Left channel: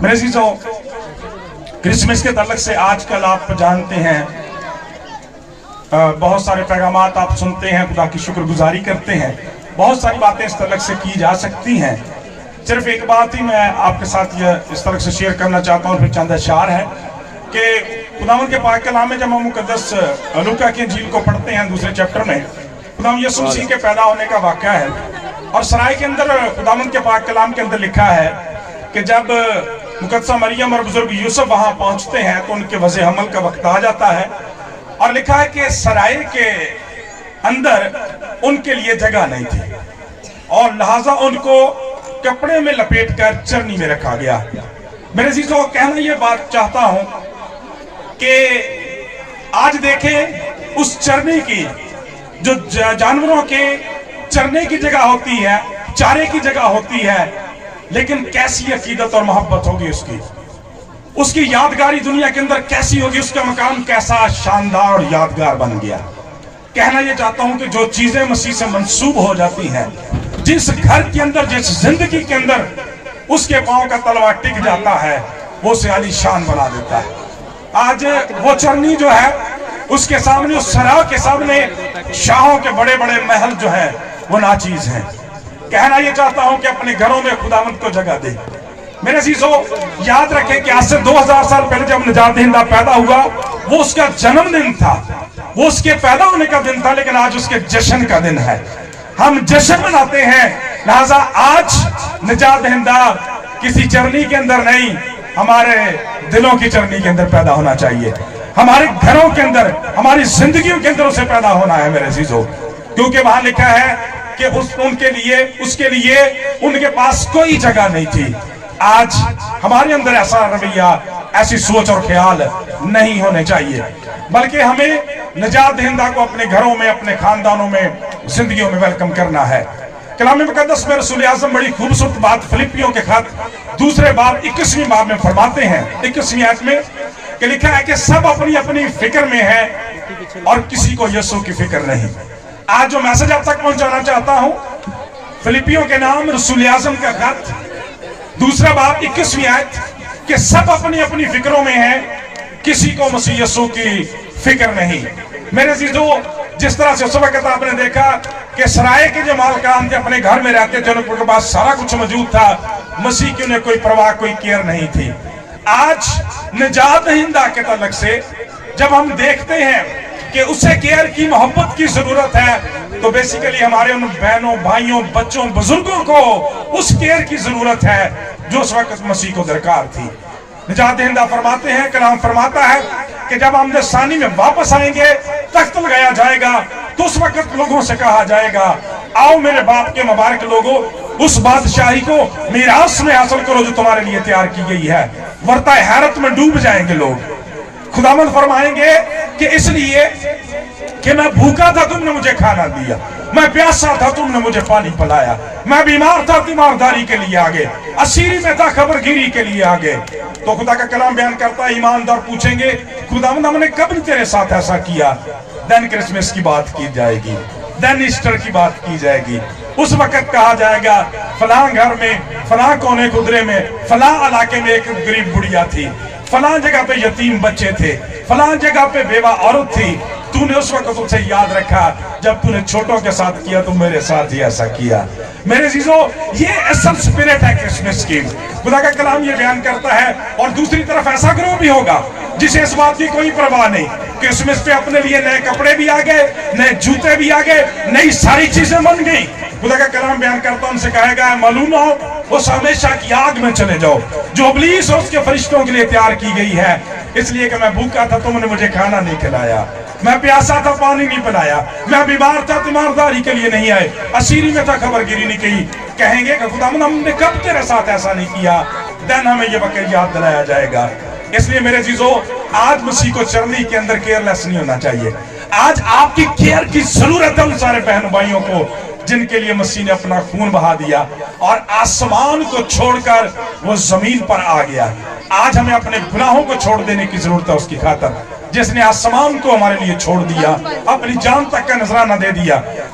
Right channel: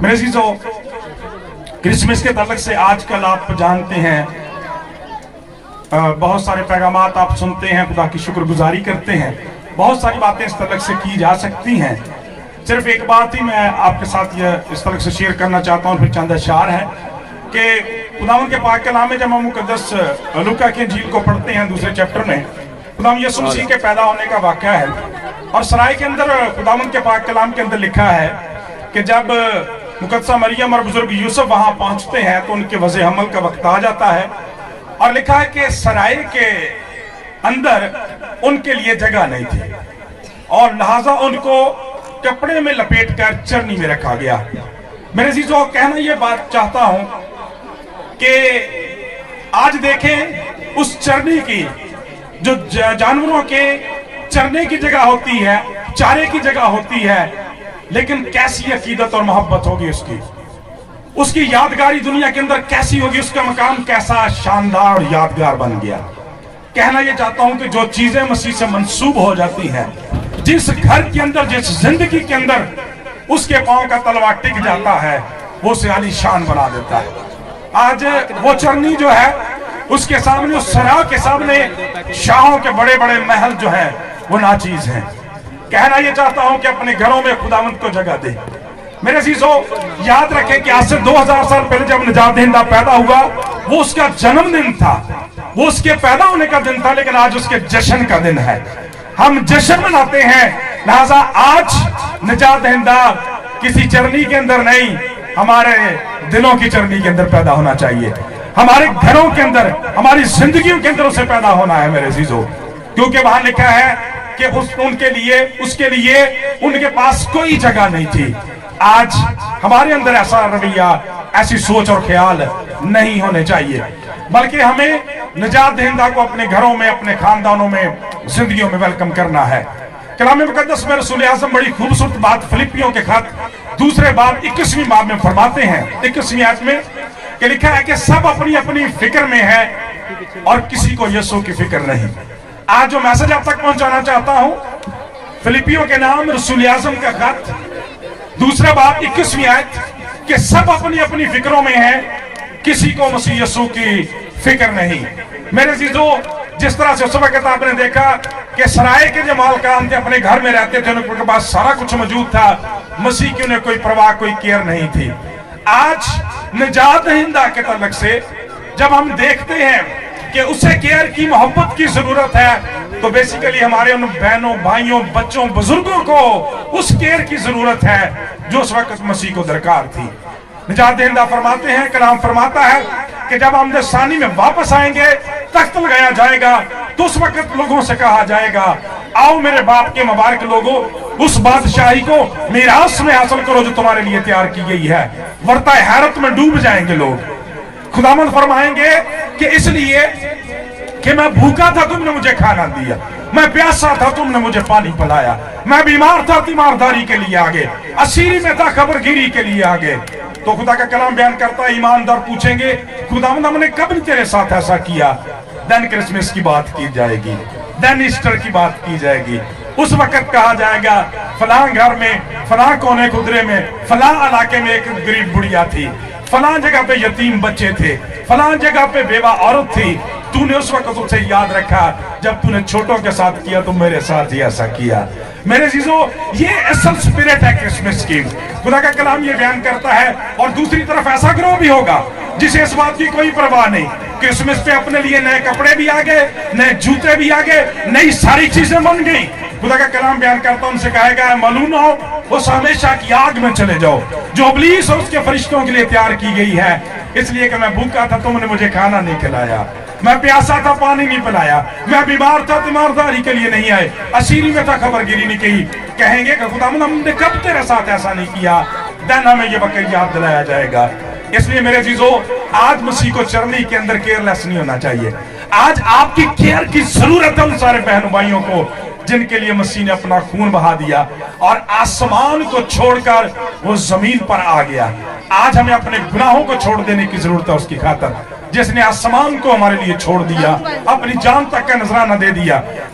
میرے عزیزو، کرسمس کے تعلق سے آج کل آپ جانتے ہیں بہت سارے پیغامات آپ سنتے ہیں، خدا کی شکر گزاری کرتے ہیں، بہت ساری باتیں اس تعلق سے کی جا سکتی ہیں۔ صرف ایک بات ہی میں آپ کے ساتھ یہ اس طرح سے شیئر کرنا چاہتا ہوں، پھر چند اشعار ہیں کہ خداوند کے پاک کلام میں جب ہم مقدس لوکا کی انجیل کو پڑھتے ہیں دوسرے چیپٹر میں، خداوند یسوع مسیح کے پیدا ہونے کا واقعہ ہے، اور سرائے کے اندر خداوند کے پاک کلام کے اندر لکھا ہے کہ جب مقدسہ مریم اور بزرگ یوسف وہاں پہنچتے ہیں تو ان کے وضع حمل کا وقت آ جاتا ہے، اور لکھا ہے کہ سرائے کے اندر ان کے لیے جگہ نہیں تھی، اور لہٰذا ان کو کپڑے میں لپیٹ کر چرنی میں رکھا گیا۔ میرے عزیزو، کہنا یہ بات چاہتا ہوں کہ آج دیکھیں اس چرنی کی جو جانوروں کے چرنے کی جگہ ہوتی ہے، چارے کی جگہ ہوتی ہے، لیکن کیسی عقیدت اور محبت ہوگی اس کی یادگاری دنیا کے اندر کیسی ہوگی، اس کا مقام کیسا شاندار اور یادگار بن گیا۔ کہنا یہ چاہتا ہوں کہ جو چیزیں مسیح سے منسوب ہو جاتی ہیں، جس گھر کے اندر، جس زندگی کے اندر اس کے پاؤں کا تلوا ٹک جاتا ہے، وہ اسے عالی شان بنا دیتا ہے۔ آج وہ چرنی جو ہے، اس کے سامنے، اس سرا کے سامنے شاہوں کے بڑے بڑے محل جو ہے وہ ناچیز ہیں۔ کہنا یہ چاہتا ہوں کہ اپنے گھروں میں خداوند کو جگہ دے۔ میرے عزیزو، یاد رکھیں کہ آج سے 2000 سال پہلے جب نجات دہندہ پیدا ہوا، وہ اس کا جنم دن تھا، وہ اس کے پیدا ہونے کا دن تھا، لیکن آج اس کے جشن کا دن ہے۔ ہم جشن مناتے ہیں، لہذا آج نجات دہندہ کسی چرنی کے اندر نہیں، ہمارے دلوں کی چرنی کے اندر پیدا ہونا چاہیے، ہمارے گھروں کے اندر، ہماری زندگیوں کے اندر اسے پیدا ہونا ہے میرے عزیزو، کیونکہ وہاں لکھا ہے کہ اس کے لیے ان کے پاس کوئی جگہ نہیں تھی۔ آج ہمارے اندر ایسا رویہ، ایسی سوچ اور خیال نہیں ہونے چاہیے، بلکہ ہمیں نجات دہندہ کو اپنے گھروں میں، اپنے خاندانوں میں، زندگیوں میں ویلکم کرنا ہے۔ کلام مقدس میں رسول اعظم بڑی خوبصورت بات فلپیوں کے خط دوسرے باب 21ویں باب میں فرماتے ہیں، 21ویں آیت میں، کہ لکھا ہے کہ سب اپنی اپنی فکر میں ہے اور کسی کو یسوع کی فکر نہیں۔ آج جو میسج آپ تک پہنچانا چاہتا ہوں، فلپیوں کے نام رسول اعظم کا خط دوسرا باب 21ویں آیت، کہ سب اپنی اپنی فکروں میں ہیں، کسی کو مسیح یسوع کی فکر نہیں۔ میرے عزیزو، جس طرح سے اس وقت آپ نے دیکھا کہ سرائے کے جو مالکان تھے اپنے گھر میں رہتے تھے، ان کے پاس سارا کچھ موجود تھا، مسیح کی انہیں کوئی پرواہ، کوئی کیئر نہیں تھی۔ آج نجات دہندہ کے تعلق سے جب ہم دیکھتے ہیں کہ اسے کیئر کی، محبت کی ضرورت ہے، تو بیسیکلی ہمارے ان بہنوں، بھائیوں، بچوں، بزرگوں کو اس کیئر کی ضرورت ہے جو اس وقت مسیح کو درکار تھی۔ نجات دہندہ فرماتے ہیں، کلام فرماتا ہے کہ جب آمد ثانی میں واپس آئیں گے، تخت لگایا جائے گا، تو اس وقت لوگوں سے کہا جائے گا، آؤ میرے باپ کے مبارک لوگوں، اس بادشاہی کو میراث میں حاصل کرو جو تمہارے لیے تیار کی گئی ہے۔ ورطہ حیرت میں ڈوب جائیں گے لوگ۔ خداوند فرمائیں گے کہ اس لیے کہ میں بھوکا تھا، تم نے مجھے کھانا دیا، میں پیاسا تھا، تم نے مجھے پانی پلایا، میں بیمار تھا، تیمارداری کے لیے آگے، اسیری میں تھا، خبر گیری کے لیے آگے۔ تو خدا کا کلام بیان کرتا ہے، ایماندار پوچھیں گے، خداوند ہم نے کب نے تیرے ساتھ ایسا کیا؟ دین کرسمس کی بات کی جائے گی، دین ایسٹر کی بات کی جائے گی۔ اس وقت کہا جائے گا، فلاں گھر میں، فلاں کونے گدرے میں، فلاں علاقے میں ایک غریب بڑھیا تھی، فلاں جگہ پہ یتیم بچے تھے، فلاں جگہ پہ بیوہ عورت تھی، تو نے اس وقت اسے یاد رکھا، جب تو نے چھوٹوں کے ساتھ کیا تو میرے ساتھ ہی ایسا کیا۔ میرے عزیزو، یہ اصل سپیرٹ ہے کرسمس کی۔ خدا کا کلام یہ بیان کرتا ہے، اور دوسری طرف ایسا گروہ بھی ہوگا جسے اس بات کی کوئی پرواہ نہیں، کرسمس پہ اپنے لیے نئے کپڑے بھی آگئے، نئے جوتے بھی آگئے، نئی ساری چیزیں بن گئی۔ خدا کا کلام بیان کرتا ان سے کہے گا، ملون ہو، اس ہمیشہ کی آگ میں چلے جاؤ جو ابلیس اور اس کے فرشتوں کے لیے تیار کی گئی ہے، اس لیے کہ میں بھوکا تھا، تم نے مجھے کھانا نہیں کھلایا، میں پیاسا تھا، پانی نہیں پلایا، میں بیمار تھا، تیمارداری کے لیے نہیں آئے، اسیری میں تھا، خبر گیری نہیں کی۔ کہیں گے کہ خداوند ہم نے کب تیرے ساتھ ایسا نہیں کیا؟ دن ہمیں یہ وقت یاد دلایا جائے گا۔ اس لیے میرے عزیزو، آج مسیح کو چرنی کے اندر کیئر لیس نہیں ہونا چاہیے۔ آج آپ کی کیئر کی ضرورت ہے ان سارے بہن بھائیوں کو جن کے لیے مسیح نے اپنا خون بہا دیا اور آسمان کو چھوڑ کر وہ زمین پر آ گیا۔ آج ہمیں اپنے گناہوں کو چھوڑ دینے کی ضرورت ہے اس کی خاطر، جس نے آسمان کو ہمارے لیے چھوڑ دیا، اپنی جان تک کا نذرانہ دے دیا۔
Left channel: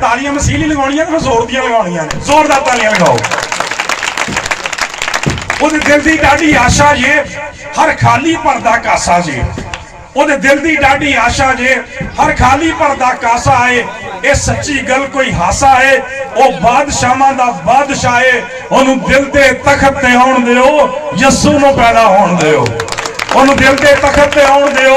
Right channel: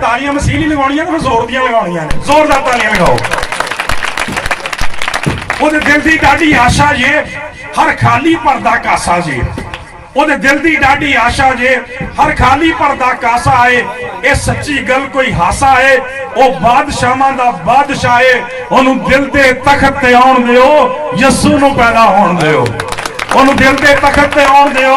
ਤਾਲੀਆਂ ਮਸੀਹ ਨਹੀਂ ਲਗਾਉਣੀਆਂ ਤੇ ਜ਼ੋਰ ਦੀਆਂ ਲਗਾਉਣੀਆਂ ਨੇ, ਜ਼ੋਰਦਾਰ ਤਾਲੀਆਂ ਲਗਾਓ। ਉਹਦੇ ਦਿਲ ਦੀ ਡਾਢੀ ਆਸ਼ਾ ਜੇ ਹਰ ਖਾਲੀ ਭਰਦਾ ਕਾਸਾ ਜੇ, ਉਹਦੇ ਦਿਲ ਦੀ ਡਾਢੀ ਆਸ਼ਾ ਜੇ ਹਰ ਖਾਲੀ ਭਰਦਾ ਕਾਸਾ ਏ। ਇਹ ਸੱਚੀ ਗੱਲ ਕੋਈ ਹਾਸਾ ਏ, ਉਹ ਬਾਦਸ਼ਾਹਾਂ ਦਾ ਬਾਦਸ਼ਾਹ ਏ। ਉਹਨੂੰ ਦਿਲ ਦੇ ਤਖਤ ਤੇ ਆਉਣ ਦਿਓ, ਯਿਸੂ ਨੂੰ ਪੈਦਾ ਹੋਣ ਦਿਓ। ਉਹਨੂੰ ਦਿਲ ਦੇ ਤਖਤ ਤੇ ਆਉਣ ਦਿਓ,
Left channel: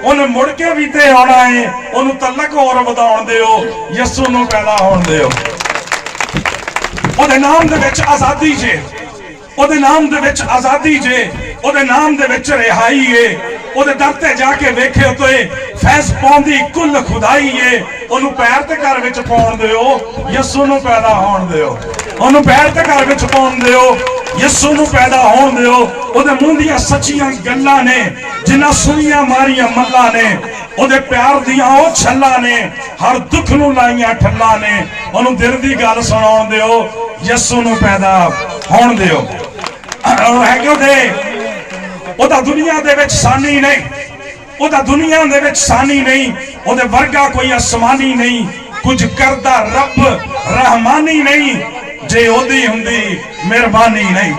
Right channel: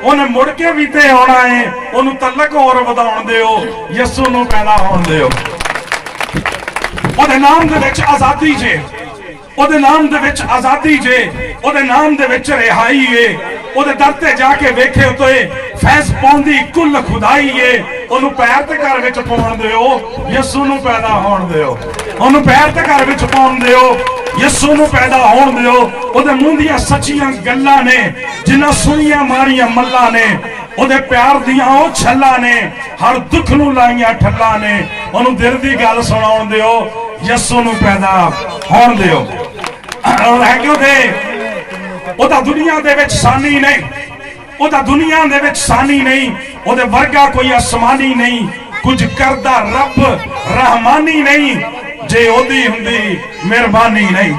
ਉਹਨੇ ਮੁੜ ਕੇ ਵੀ ਤੇ ਆਉਣਾ ਹੈ। ਉਹਨੂੰ ਤਲਕ ਹੋਰ ਵਧਾਉਣ ਦਿਓ, ਯਿਸੂ ਨੂੰ ਪੈਦਾ ਹੋਣ ਦਿਓ। ਉਹਦੇ ਨਾਮ ਦੇ ਵਿੱਚ ਆਜ਼ਾਦੀ ਜੇ, ਉਹਦੇ ਨਾਮ ਦੇ ਵਿੱਚ ਆਜ਼ਾਦੀ ਜੇ, ਉਹਦੇ ਨਾਮ ਦੇ ਵਿੱਚ ਰਿਹਾਈ ਏ। ਉਹਦੇ ਦਰ ਤੇ ਜਾ ਕੇ ਵੇਖੇ ਉਤੇ ਫੈਜ਼ ਪਾਉਂਦੀ ਕੁੱਲ ਖੁਦਾਈ ਏ। ਉਹਨੂੰ ਪੈਰ ਤੇ ਘਰ ਵਿੱਚ ਪਾਉਣ ਦਿਓ, ਯਿਸੂ ਨੂੰ ਪੈਦਾ ਹੋਣ ਦਿਓ। ਉਹਨੂੰ ਪੈਰ ਤੇ ਘਰ ਵਿੱਚ ਪਾਉਣ ਦਿਓ, ਯਿਸੂ ਨੂੰ ਪੈਦਾ ਹੋਣ ਦਿਓ। ਉਹਦੇ ਮੂੰਹ ਦੀਆਂ ਸੱਚੀਆਂ ਗੱਲਾਂ ਨੇ, ਜਿਨ੍ਹਾਂ ਸੁਣੀਆਂ ਮਾਰੀਆਂ ਮੱਲਾਂ ਨੇ। ਉਹਦੇ ਪਿਆਰ ਦੀਆਂ ਉਹ ਛੱਲਾਂ ਨੇ, ਹਰ ਦੁੱਖ ਨੂੰ ਲਾਈਆਂ ਠੱਲਾਂ ਨੇ। ਉਹਨੂੰ ਦਿਲ ਦੀ ਗੱਲ ਸੁਣਾਉਣ ਦਿਓ, ਯਿਸੂ ਨੂੰ ਪੈਦਾ ਹੋਣ ਦਿਓ। ਔਰ ਹੈ ਕਿ ਉਹਦਾ ਦੁਨੀਆ ਦੇ ਵਿੱਚ ਸਾਨੀ ਨਹੀਂ, ਉਹਦਾ ਦੁਨੀਆ ਦੇ ਵਿੱਚ ਸਾਨੀ ਨਹੀਂ। ਉਹਦੇ ਵਰਗਾ ਕੋਈ ਅਸਮਾਨੀ ਨਹੀਂ, ਕੁਝ ਕਰਦਾ ਰੱਬ ਰਹਿਮਾਨੀ ਨਹੀਂ, ਜੇ ਉਹਦੀ ਹੁੰਦੀ ਮਿਹਰਬਾਨੀ ਨਹੀਂ।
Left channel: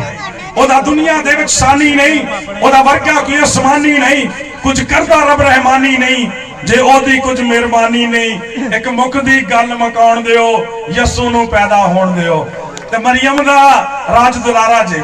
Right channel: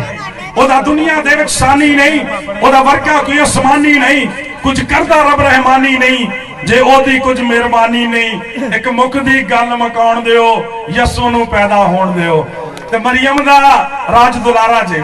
ਉਹਦਾ ਦੁਨੀਆ ਦੇ ਵਿੱਚ ਸਾਨੀ ਨਹੀਂ, ਉਹਦਾ ਵਰਗਾ ਕੋਈ ਅਸਮਾਨੀ ਨਹੀਂ, ਕੁਝ ਕਰਦਾ ਰੱਬ ਰਹਿਮਾਨੀ ਨਹੀਂ, ਜੇ ਉਹਦੀ ਕੁਝ ਮਿਹਰਬਾਨੀ ਨਹੀਂ। ਇੱਕ ਮੁੱਖ ਦੀ ਗੱਲ ਮੁਕਾਉਣ ਦਿਓ, ਯਿਸੂ ਨੂੰ ਪੈਦਾ ਹੋਣ ਦਿਓ। ਤੇ ਮਰੀਮ ਦਾ ਰਾਜ ਦੁਲਾਰਾ ਜੇ,